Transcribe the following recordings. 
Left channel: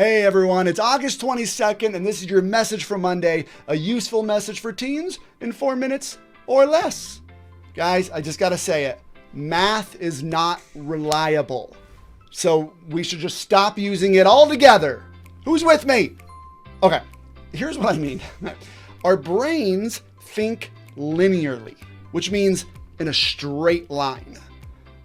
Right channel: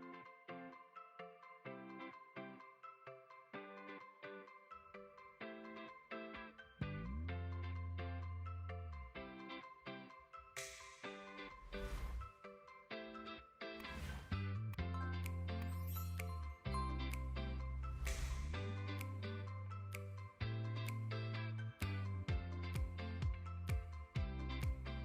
Hey everyone, it's August 22nd, and this is your message for Monday, a useful message for teens in 4 minutes or less. Guys, I just gotta say it. Math is not reliable. So we should just stop using it altogether. Who's with me? Okay, here's what I mean. Our brains think linearly, which means in a straight line.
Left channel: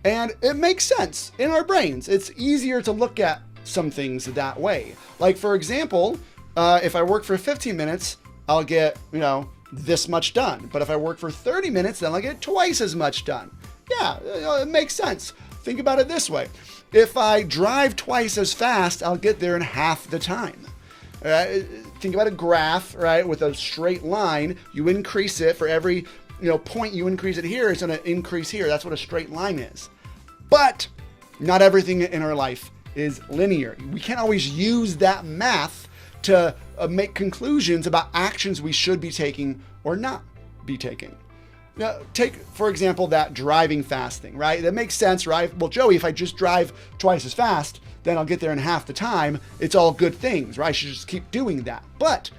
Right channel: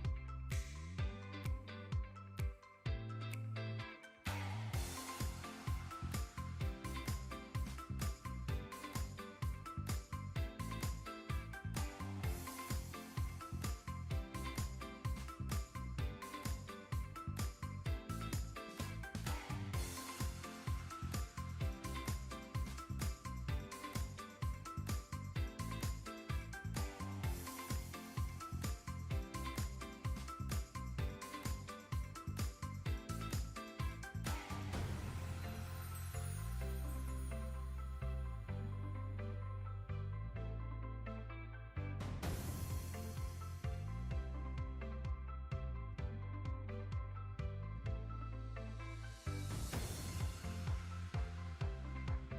And it makes sense in our brains. It's easier to look at some things that way. Like for example, if I work for 15 minutes, I'll get, this much done. But if I work for 30 minutes, then I'll get twice as much done. Yeah, it makes sense. Think about it this way. If I drive twice as fast, I'll get there in half the time. Think about a graph, right? With a straight line, you increase it for every point you increase it here, it's going to increase here. That's what a straight line is. But not everything in our life is linear. We can't always use that math to make conclusions about actions we should be taking or not be taking. Now, take, for example, that driving fast thing, right? That makes sense, right? Well, Joey, if I just drive twice as fast, then I'll get there in half the time. It's all good things, right? I should just keep doing that. But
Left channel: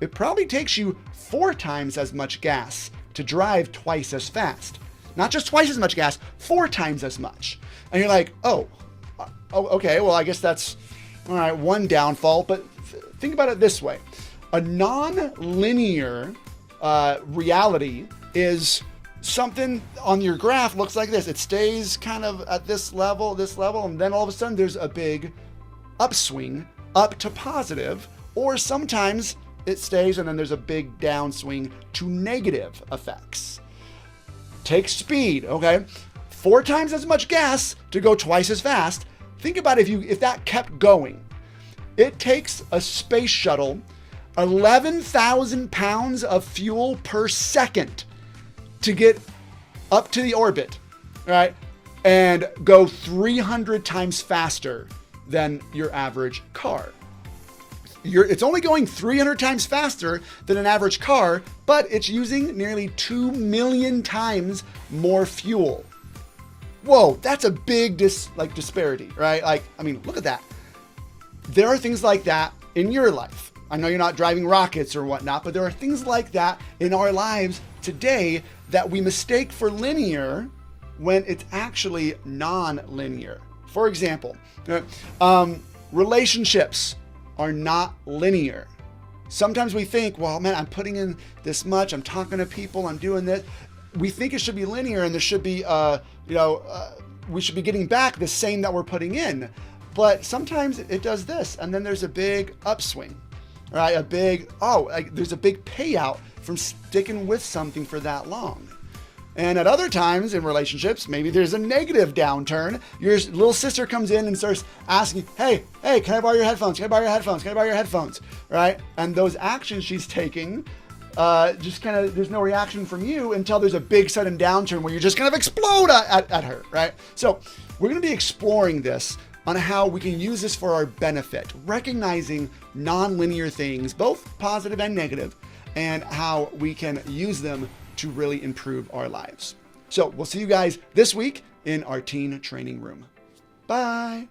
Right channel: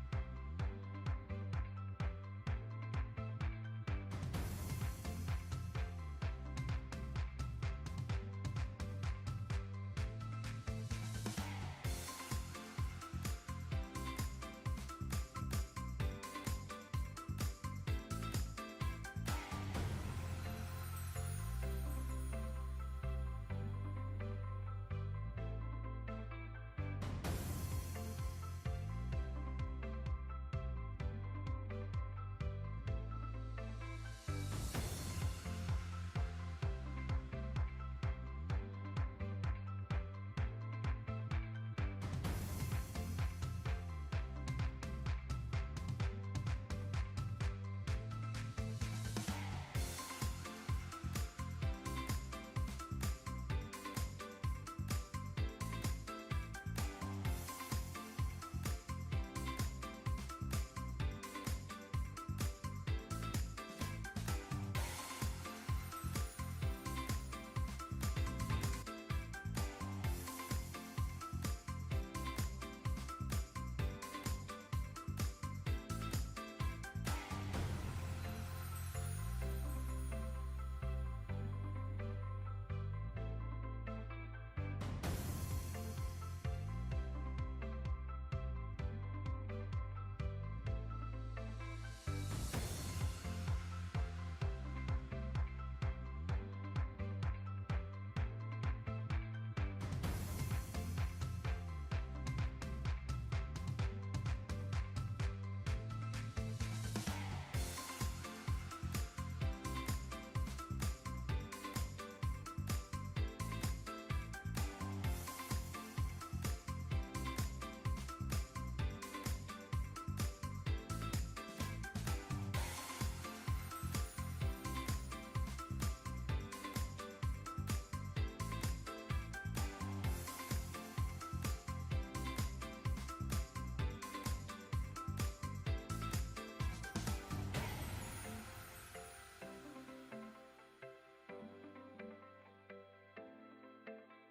it probably takes you 4 times as much gas to drive twice as fast. Not just twice as much gas, 4 times as much. And you're like, oh, okay, well, I guess that's, all right, one downfall. But think about it this way. A non-linear reality is something on your graph looks like this. It stays kind of at this level, and then all of a sudden there's a big upswing up to positive, or sometimes it stays and then there's a big downswing to negative effects. Take speed, okay? 4 times as much gas to go twice as fast. Think about if that kept going. It takes a space shuttle 11,000 pounds of fuel per second to get up to the orbit, right? And go 300 times faster than your average car. It's only going 300 times faster than an average car, but it's using nearly 2 million times more fuel. Whoa, that's a big disparity, right? Look at that. There are things like that in your life. I know you're not driving rockets or whatnot, but there are things like that in our lives today that we mistake for linear when it's actually non-linear. For example, relationships are not linear. Sometimes we think, well, man, I'm putting in this much, I'm talking to people, I'm doing this. We think it should be linear and there should be, we should be getting back the same that we're putting in. But sometimes it does this, and then there's a big upswing, right? There's a big payout from sticking with something for that long. And at other times in relationships, maybe there's a negative downturn. Your little sister comes in and starts asking, hey, can I borrow your headphones? Can I borrow your headphones? Can I borrow your headphones? Right? And those actions she's taking, there's no reaction from you until there's a big sudden downturn where you just kind of explode at her, right? So we're going to be exploring this on how we can use this for our benefit, recognizing non-linear things, both positive and negative, and how we can use them to really improve our lives. So we'll see you guys this week in our teen training room. Bye.